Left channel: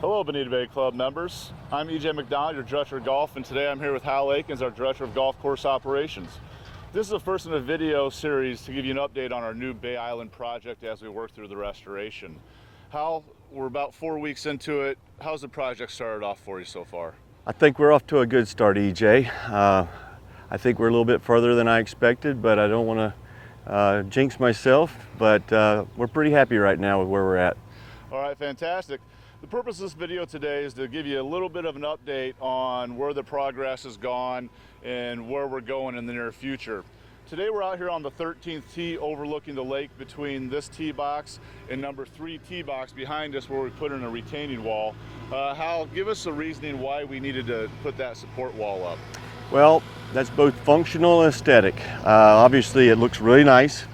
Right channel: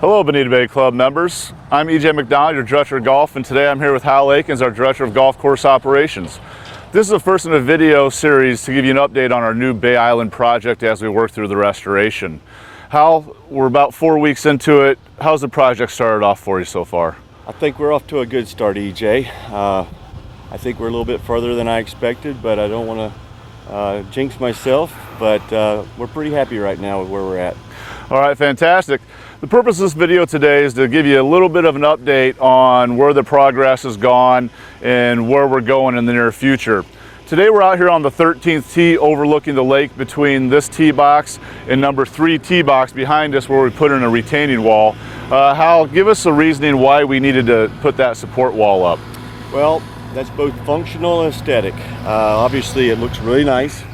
Hello, Bonita Bay Club members. I'm EJ McDonald, your Director of Golf, and today I'm here with Hal Aikens, our Director of Golf Course Operations. This is the first in a video series to give you an update on our new Bay Island project as we work through the restoration. Hal, we're about 4 weeks into it. How's the project started off for you so far? I think we're off to a good start, EJ. I think we're a little bit further than I expected, but I don't want to jinx myself, but we're pretty happy right now with where we're at. All right, fantastic. The purpose of this video today is to give you a little bit of an update on where the progress has gone and where we're going in the near future. Today we're out here on the 13th tee overlooking the lake between this tee box and number 3 tee box behind us where we put in a retaining wall. Hal, give us a reasoning why we needed to put that support wall up. Well, that's both functional and aesthetic. Obviously it looks really nice.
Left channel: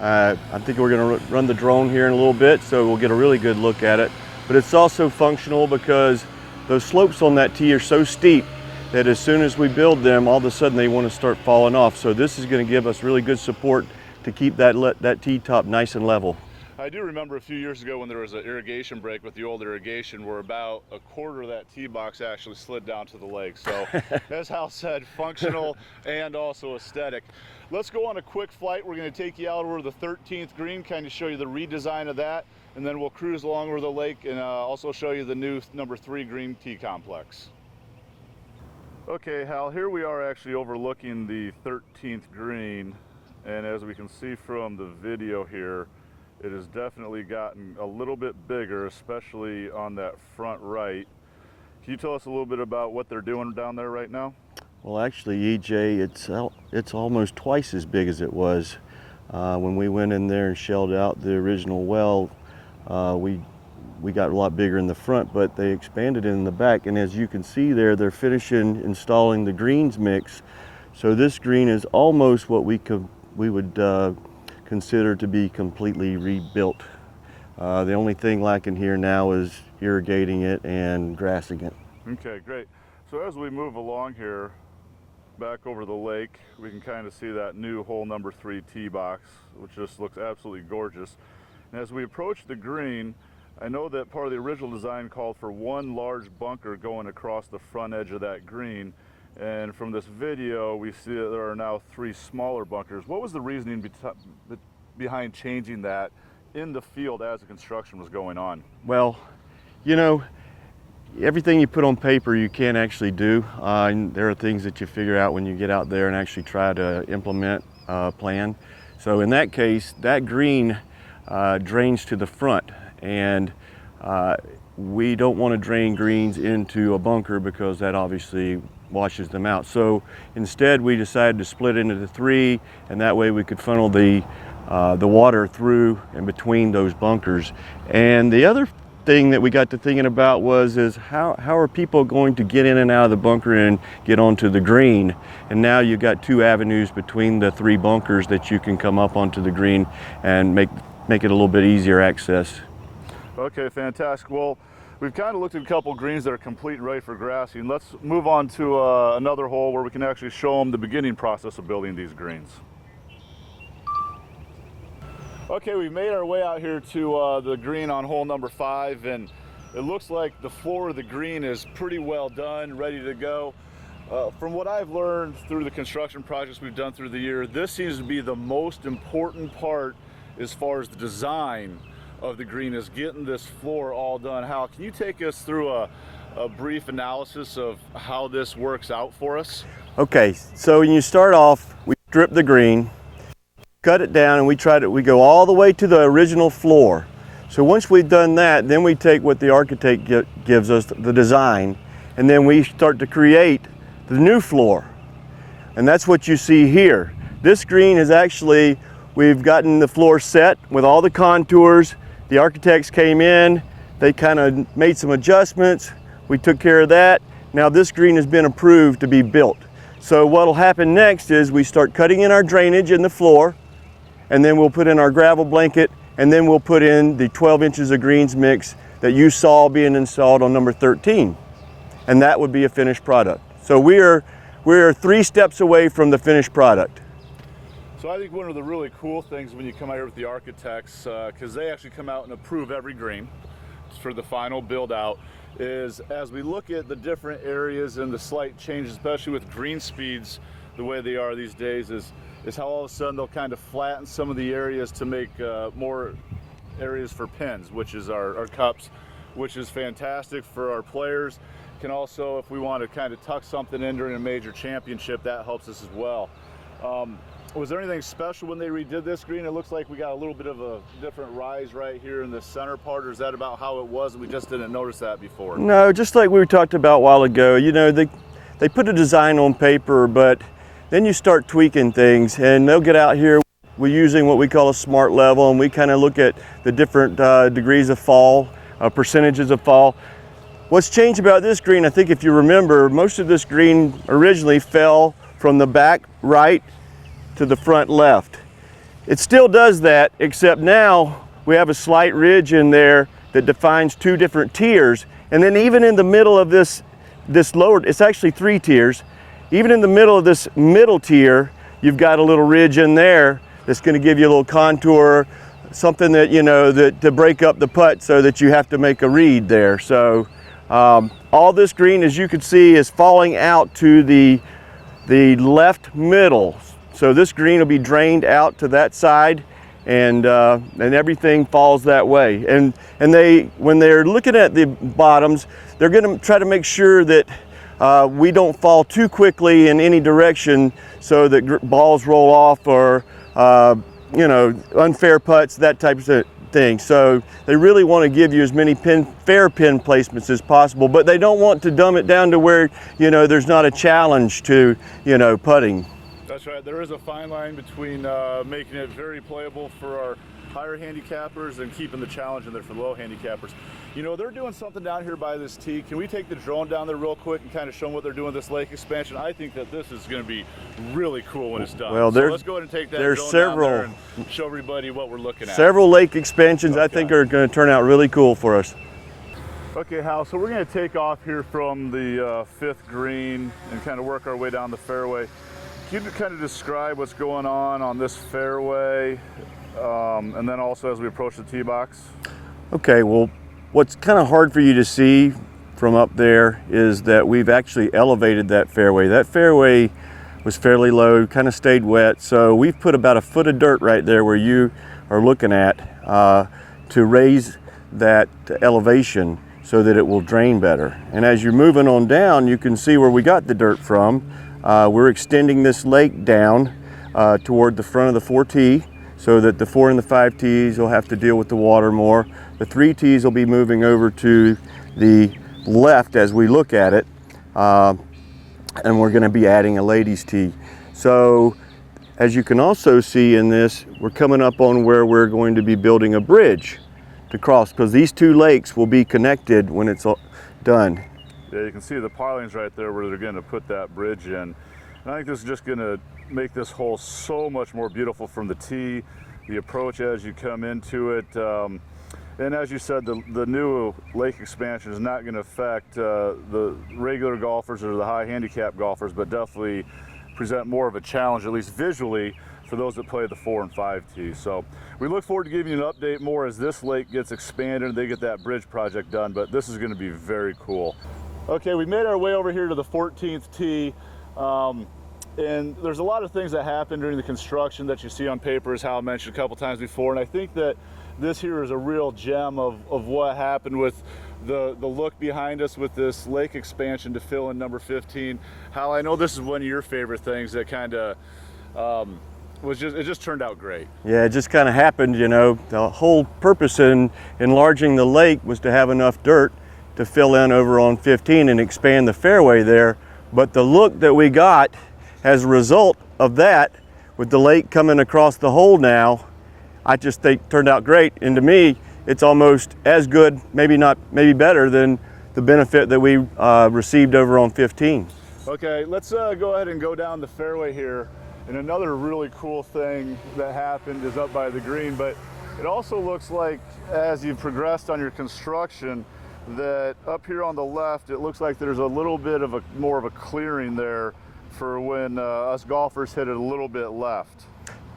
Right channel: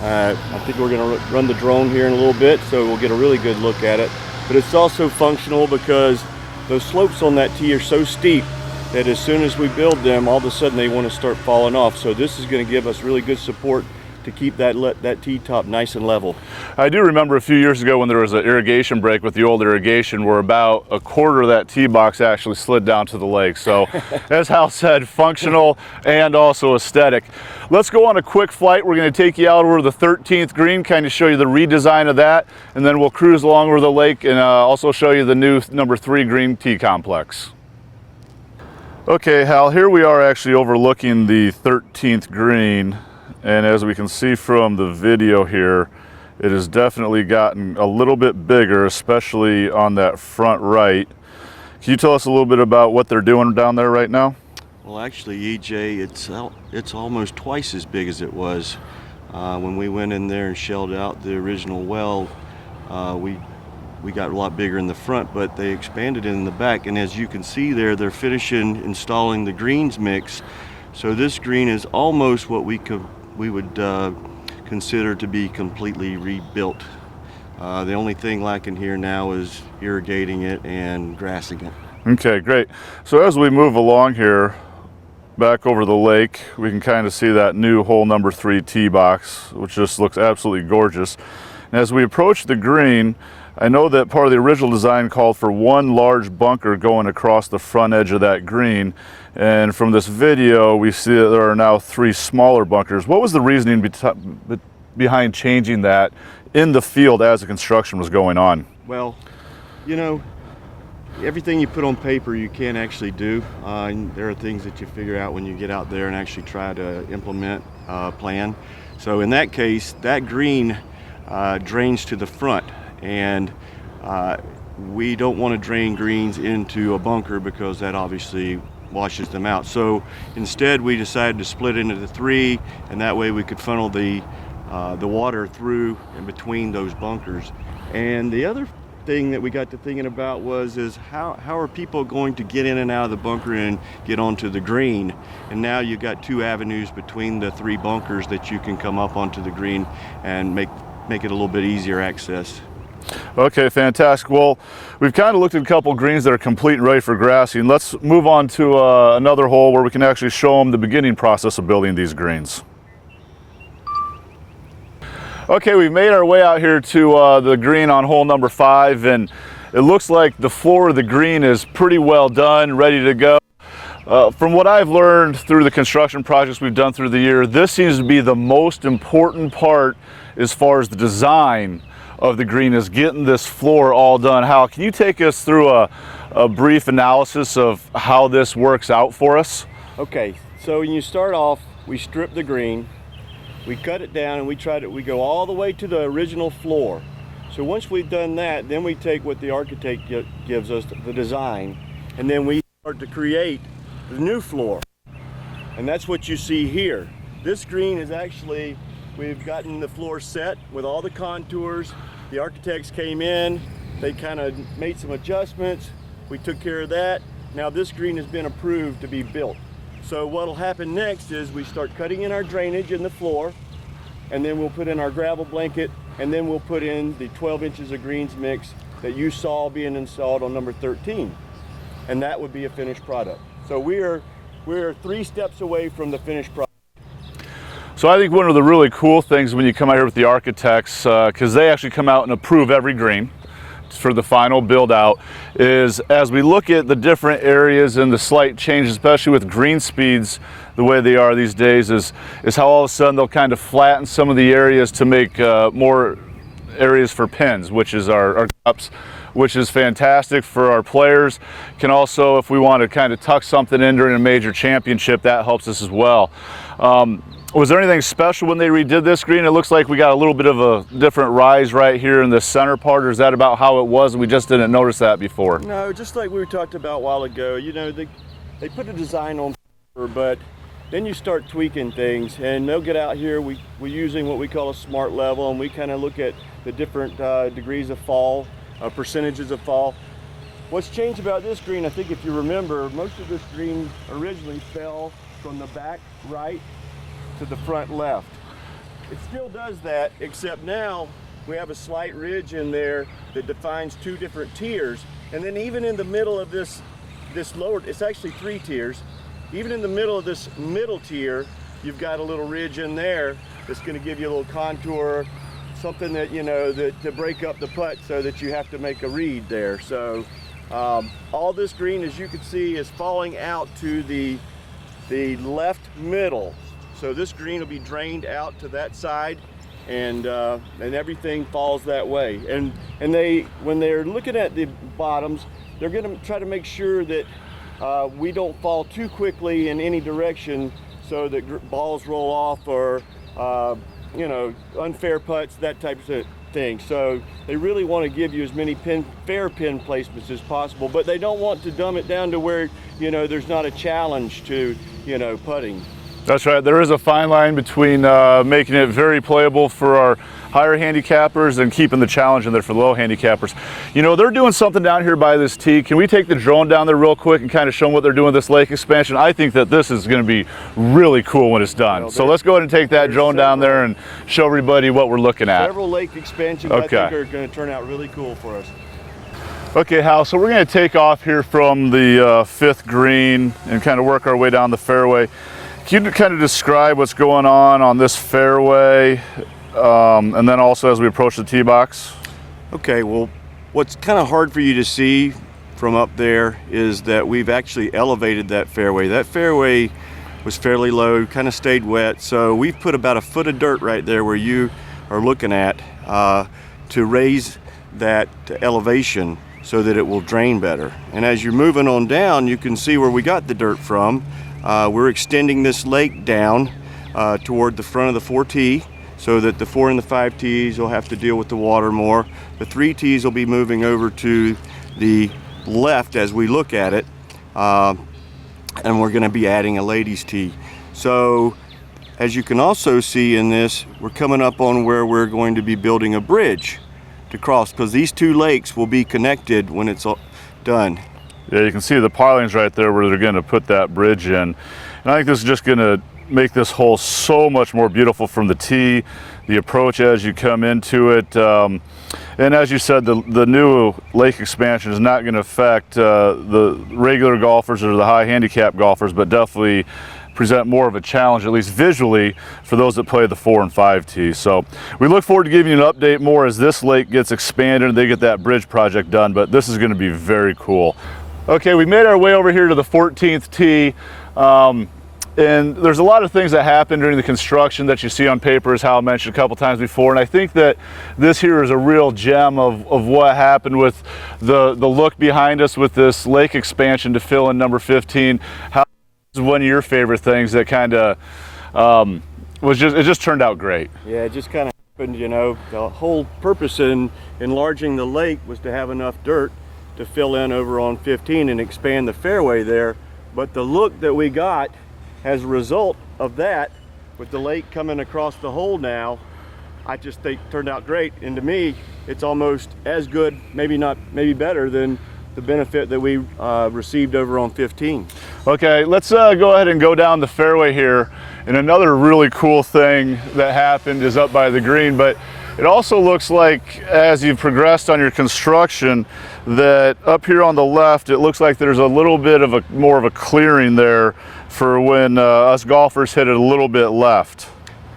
I think we're going to run the drone here in a little bit so we'll get a really good look at it. But it's also functional because those slopes on that tee are so steep that as soon as we build them, all of a sudden they want to start falling off. So this is going to give us really good support to keep that tee top nice and level. I do remember a few years ago when there was an irrigation break with the old irrigation where about a quarter of that tee box actually slid down to the lake. So as Hal said, functional and also aesthetic. Let's go on a quick flight. We're going to take you out over the 13th green, kind of show you the redesign of that, and then we'll cruise along over the lake and also show you the new number 3 green tee complex. Okay, Hal, here we are actually overlooking the 13th green. And as we can see from the video here, it has definitely gotten a little bit bigger, especially on that front right. Can you tell us a little bit about what they're doing down there right now? Well, actually, EJ, it's almost twice as big as it was. When we went in there and shelled out the original well, we got a lot bigger in the front, but they expanded it in the back. And as you can see there, they're finishing installing the greens mix. So this green is almost what we would consider to be completely rebuilt. The only thing lacking here now is irrigating it and grassing it. Okay, great. So as we move along here, back over the lake, we can kind of see that new hole number 3 tee box, which just looks absolutely gorgeous. And as we approach the green, I know that part of the original design called for one large bunker going across the front edge of that green. And from this video, we see that there are now 3 smaller bunkers. What was the reasoning behind changing that in the field as the construction was going on? Well, you know, everything you put on paper you can't actually do. There are things that you figure out when you get out there and actually try to implement a plan. So in that case, that green drains to the front, and we don't want to drain greens into a bunker because that obviously washes them out. So instead we decided to split into the 3, and that way we could funnel the water through and between those bunkers. And the other thing that we got to thinking about is how are people going to get in and out of the bunker and get onto the green? And now you've got 2 avenues between the 3 bunkers that you can come up onto the green and make it a little bit easier access. Okay, fantastic. Well, we've kind of looked at a couple greens that are complete and ready for grassing. Let's move on to another hole where we can actually show them the beginning process of building these greens. Okay, we've made our way out here to the green on hole number 5, and it looks like the floor of the green is pretty well done, ready to go. From what I've learned through the construction projects we've done through the year, this seems to be the most important part as far as the design of the green, is getting this floor all done. Hal, can you take us through a brief analysis of how this works out for us? Okay, so when you start off, we strip the green, we cut it down, and we go all the way to the original floor. So once we've done that, then we take what the architect gives us, the design, and then we start to create the new floor. And that's what you see here. This green is actually, we've gotten the floor set with all the contours. The architects came in, they kind of made some adjustments. We took care of that. Now this green has been approved to be built. So what'll happen next is we start cutting in our drainage in the floor, and then we'll put in our gravel blanket, and then we'll put in the 12 inches of greens mix that you saw being installed on number 13. And that would be a finished product. So we're 3 steps away from the finished product. So I think one of the really cool things when you come out here with the architects, because they actually come out and approve every green. for the final build out is, as we look at the different areas and the slight changes, especially with green speeds the way they are these days, is how all of a sudden they'll kind of flatten some of the areas to make more areas for pins, which is our cups, which is fantastic for our players. Can also, if we want to kind of tuck something in during a major championship, that helps us as well. Was there anything special when they redid this green? It looks like we got a little bit of a different rise right here in the center part, or is that about how it was and we just didn't notice that before? No, just like we talked about a while ago, you know, they put a design on paper, but then you start tweaking things, and they'll get out here. We're using what we call a smart level, and we kind of look at the different degrees of fall, percentages of fall. What's changed about this green, I think if you remember, most of this green originally fell from the back right to the front left. It still does that, except now we have a slight ridge in there that defines two different tiers. And then even in the middle of this lower, it's actually 3 tiers. Even in the middle of this middle tier, you've got a little ridge in there that's going to give you a little contour, something that, you know, that to break up the putt so that you have to make a read there. So all this green, as you can see, is falling out to the left middle. So this green will be drained out to that side, and everything falls that way. And when they're looking at the bottoms, they're going to try to make sure that we don't fall too quickly in any direction, so that balls roll off or you know, unfair putts, that type of thing. So they really want to give you as many fair pin placements as possible, but they don't want to dumb it down to where, you know, there's not a challenge to, you know, putting. That's right. There is a fine line between making it very playable for our higher handicappers and keeping the challenge in there for the low handicappers. You know, they're doing something down here by this tee. Can we take the drone down there real quick and kind of show them what they're doing with this lake expansion? I think that this is going to be really cool when it's done. Well, so let's go ahead and take that drone down there and show everybody what we're looking at. Several lake expansions I think are going to turn out really cool for us. Okay, Hal, so we're going to take off here from the 5th green and kind of work our way down the fairway. Can you kind of describe what's going on this fairway, and then also as we approach the tee box? Okay, well, what's kind of hard for you to see from up there is that we've actually elevated that fairway. That fairway was fairly low, kind of stayed wet, so we've put about a foot of dirt right there where you are looking at to raise that elevation so that it will drain better. And as you're moving on down, you can see where we got the dirt from. We're extending this lake down toward the front of the 4 tee, so that the 4 and the 5 tees will have to deal with the water more. The 3 tees will be moving over to the left as we look at it, and we're going to be adding a ladies tee. So as you can also see in this, we're coming up on where we're going to be building a bridge to cross, because these 2 lakes will be connected when it's all done. Yeah, you can see the pilings right there where they're going to put that bridge in. And I think this is just going to make this hole so much more beautiful from the tee, the approach as you come into it. And as you said, the new lake expansion is not going to affect the regular golfers or the high handicap golfers, but definitely present more of a challenge, at least visually, for those that play the 4 and 5 tees. So we look forward to giving you an update more as this lake gets expanded and they get that bridge project done, but this is going to be very cool. Okay, we made our way over here to the 14th tee, and there's a lot of things that happen during the construction that you see on paper, as Hal mentioned a couple times before, and I think that this here is a real gem of what happened with the look behind us with this lake expansion to fill in number 15. Hal, I know this is one of your favorite things that kind of it just turned out great. Yeah, it just kind of happened, you know. The whole purpose in enlarging the lake was to have enough dirt to fill in over on 15 and expand the fairway there. But the look that we got as a result of that, with the lake coming across the hole now, I just think turned out great. And to me, it's almost as good, maybe better than the benefit that we received over on 15. Okay, let's go ahead and go down the fairway here. And another really cool thing that happened is up by the green, but it also looks like as you've progressed on your construction that up here on the left, it looks like there's a little bit of more of a clearing there for when us golfers hit it a little bit left.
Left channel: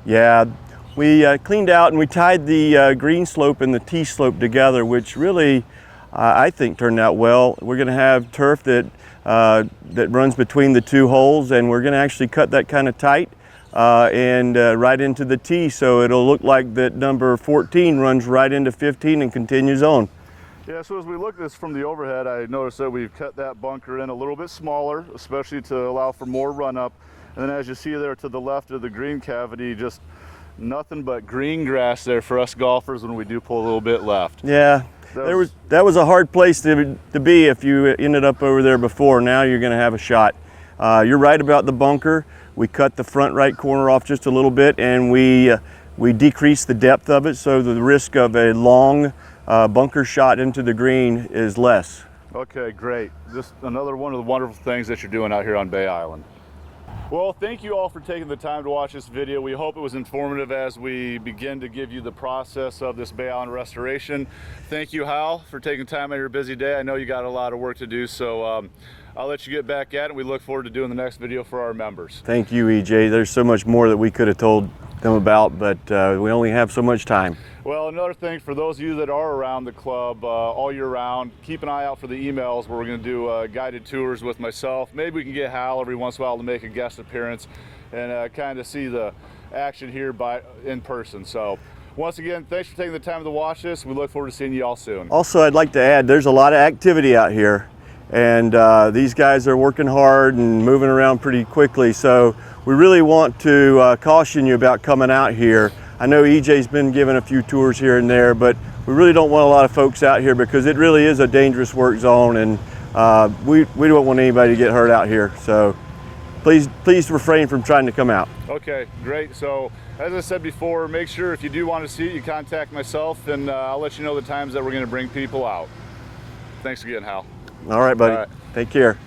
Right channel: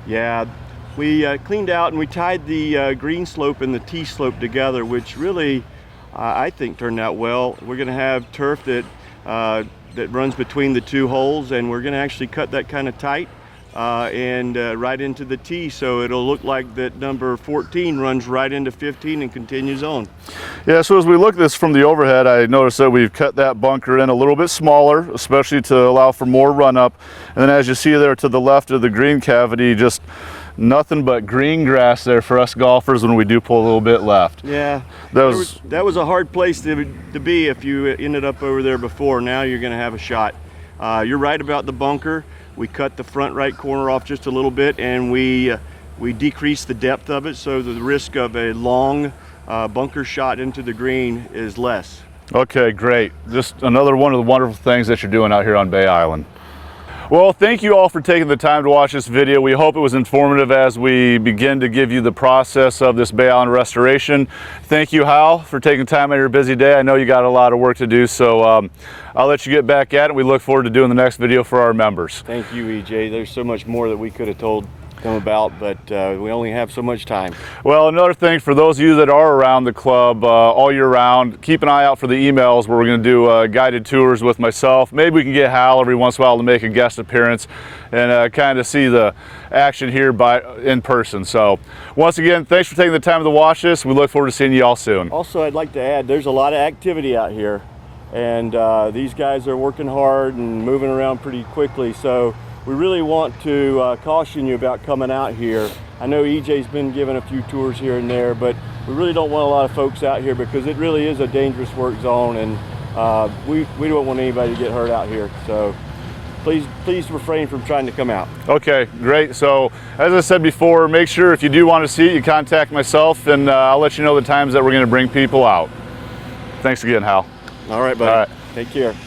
Yeah, we cleaned out and we tied the green slope and the tee slope together, which really I think turned out well. We're going to have turf that runs between the two holes, and we're going to actually cut that kind of tight and right into the tee, so it'll look like that number 14 runs right into 15 and continues on. Yeah, so as we look at this from the overhead, I noticed that we've cut that bunker in a little bit smaller, especially to allow for more run up. And then as you see there to the left of the green cavity, just nothing but green grass there for us golfers when we do pull a little bit left. Yeah, that was a hard place to be if you ended up over there before. Now you're going to have a shot. You're right about the bunker. We cut the front right corner off just a little bit, and we decreased the depth of it, so the risk of a long bunker shot into the green is less. Okay, great. Just another one of the wonderful things that you're doing out here on Bay Island. Well, thank you all for taking the time to watch this video. We hope it was informative as we begin to give you the process of this Bay Island restoration. Thank you, Hal, for taking time out of your busy day. I know you got a lot of work to do, so I'll let you get back at it. We look forward to doing the next video for our members. Thank you, EJ. There's so much more that we could have told them about, but we only have so much time. Well, another thing for those of you that are around the club all year round, keep an eye out for the emails where we're going to do guided tours with myself. Maybe we can get Hal every once in a while to make a guest appearance and kind of see the action here in person. So once again, thanks for taking the time to watch this. We look forward to seeing you all soon. Also, I'd like to add, there's a lot of activity out here, and these guys are working hard and moving around pretty quickly. So we really want to caution you about coming out here. I know EJ's been giving a few tours here and there, but we really don't want a lot of folks out here because it really is a dangerous work zone, and we don't want anybody to get hurt out here. So please refrain from trying to come out. Okay, great. So as I said before, make sure if you do want to see it, you contact myself, and I'll let you know the times that we're going to bring people out. Thanks again, Hal. All right, buddy. All right. Take care.